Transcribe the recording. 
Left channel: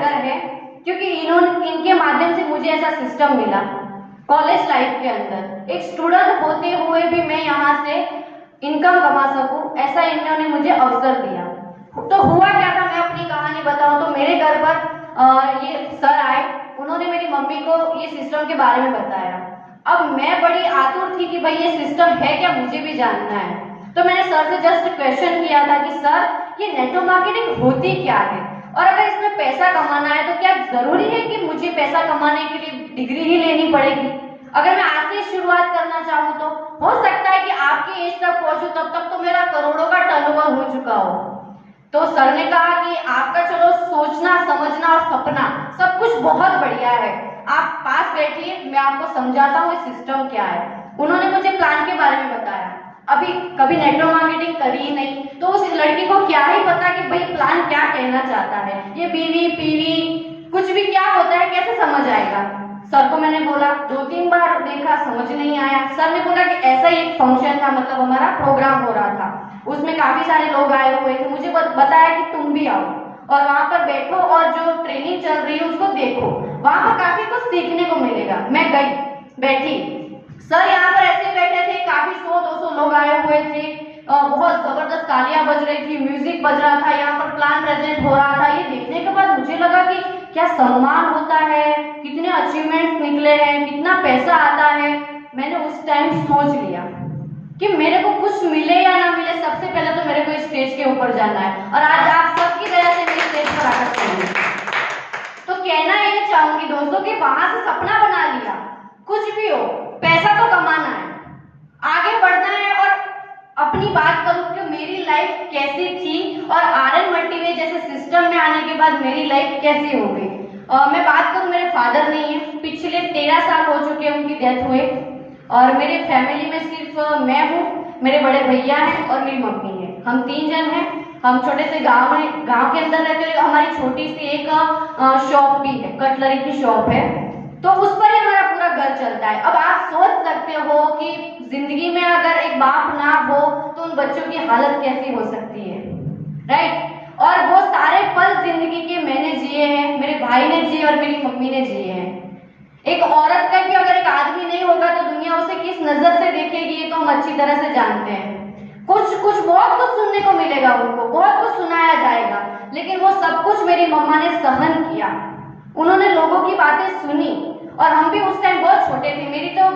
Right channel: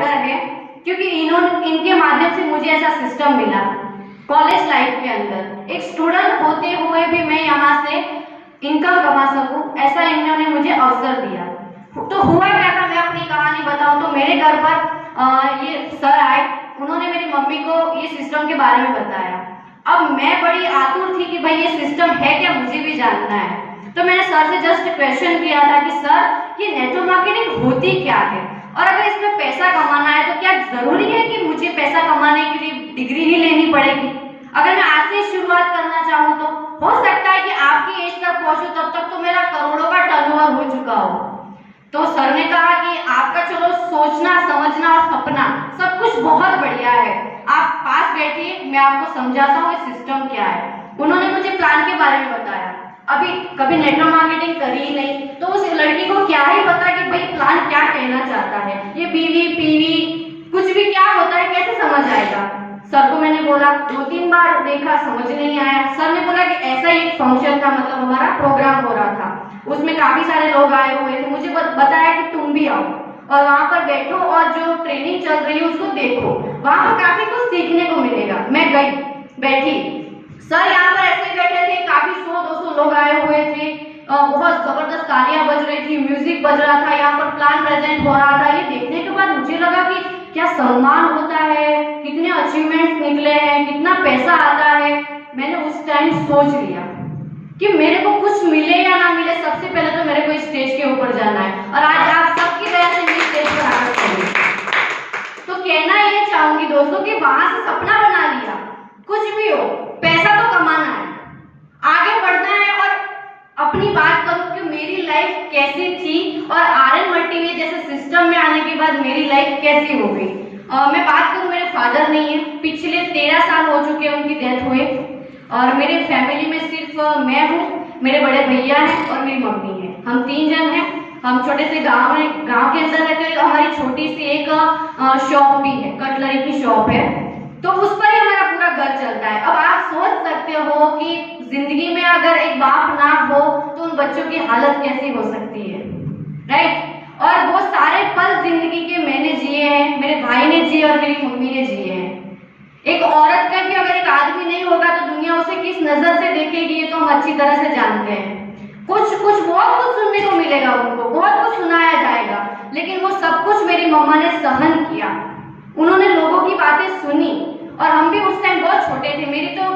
डर है, क्योंकि इनके माध्यम से मुझे ऐसा सिस्टम मिला कॉलेज लाइफ के अंदर। एक स्टूडेंट होते हुए भी मैं यहाँ से इनकम कमा सकूं, ऐसा इन्होंने मुझे अवसर दिया। तो हुआ क्या था, मैं अपनी कहानी बताऊं तो मेरे घर पर ये सर आए, उन्होंने मेरी मम्मी को ये सिस्टम के बारे में बताया। अब मैं बड़ी आतुर थी कि भाई ये सिस्टम है क्या, मुझे भी जानना है। तो मैंने सर से जस्ट क्वेश्चन किया था कि सर ये नेटवर्क मार्केटिंग होती क्या है, और अगर इसमें पैसा कमाना है तो क्या जरूरी है कि मुझे पैसा कमाने के लिए डिग्री ही लेनी पड़ेगी? अगर मैं आज से शुरुआत करना चाहूँ तो हो सकता है कि आपकी एज तक पहुंचूं तब तक तो मेरा करोड़ों का टर्नओवर हो चुका हो। तो सर ने कहा कि आपका चलो सोचना समझना और सपना सब कुछ बहुत बढ़िया है, आप पास बैठिए, मैं आपको समझाता हूँ सिस्टम क्या है। उन्होंने मुझे प्लान के बारे में बताया। अभी कभी नेटवर्क मार्केटिंग करी ही नहीं, तो उस लड़की को क्या ही पता कि भाई प्लान क्या कहना चाहता है, ये बीवी पीवी कुछ भी क्या होता है, कैसे समझ आएगा। सर को मैंने बोला, 2-3 बार देखा, समझ नहीं आया। सर ने बोला कि ऐसा ही एक फंक्शन था, मतलब हमारा प्रोग्राम हो रहा था, उसमें काफी सारे लोग आए हुए थे, मुझे बताया कि तुम भी आओ और वहां पर बैठो और जो ट्रेनिंग चल रही है उसको देखो, वहां पर काफी कुछ सीखने को मिलेगा। मैं गई, बैठी, सर यहाँ पर ऐसे बैठे थे, काफी 100-200 लोग आए हुए थे, बहुत जबरदस्त तालियां बज रही थी, म्यूजिक बज रहा था, यहाँ पर प्लान प्रेजेंट हो रहा था। ये देखने के बाद मुझे लगा कि क्या सम्मान होता है, कितने अचीवमेंट्स निकले हैं, कितना पैसा आता है। मैंने उस टाइम सोच लिया कि मेरे को कुछ मिले या ना मिले, सबसे पहले तो मेरे को स्टेज के ऊपर जाना है, और आज आप सबकी वजह से मैं स्टेज पर आकर खड़ी। तो कहना ये चाहूंगी दोस्तों कि वहां से सपना बना लिया, कुछ भी हो पैसा तो कमाना है, आगे बढ़ना है। और अपनी बात करूं कि मेरी लाइफ कैसी थी और आरएन मल्टीवे जैसे सिस्टम में आने के बाद मेरी लाइफ कैसी हो गई। मैं बात करूं, मेरे फादर नहीं है, पिछले 13 साल हो चुके हैं उनकी डेथ हुए, और मेरी फैमिली में सिर्फ मैं हूँ, मेरे बड़े भैया हैं और मेरी मम्मी है, हम 3 जन हैं। हम छोटे से गांव के अंदर रहते हैं। हमारी छोटी सी एक शॉप भी है, कटलरी की शॉप है, तो उस पर ही हमारा पूरा घर चलता है। अब आप सोच सकते हो कि जिंदगी में अगर एक बाप ना हो तो उन बच्चों की हालत कैसी हो सकती है, राइट। और वो सारे पल जिंदगी के मैंने जिए हैं, मेरे भाई ने जिए और मेरी मम्मी ने जिए हैं। एक औरत का भी अगर एक आदमी नहीं होगा तो दुनिया उसे किस नजर से देखेगी, ये तो हम अच्छी तरह से जानते हैं। कुछ बहुत कुछ सुनने को मिलेगा, उनको बहुत कुछ सुनाया जाएगा, लेकिन वो सब कुछ मेरी मम्मा ने सहन किया। उन्होंने लोगों की बातें सुनी, और हम भी उस टाइम बहुत छोटे थे। मेरी तो मैं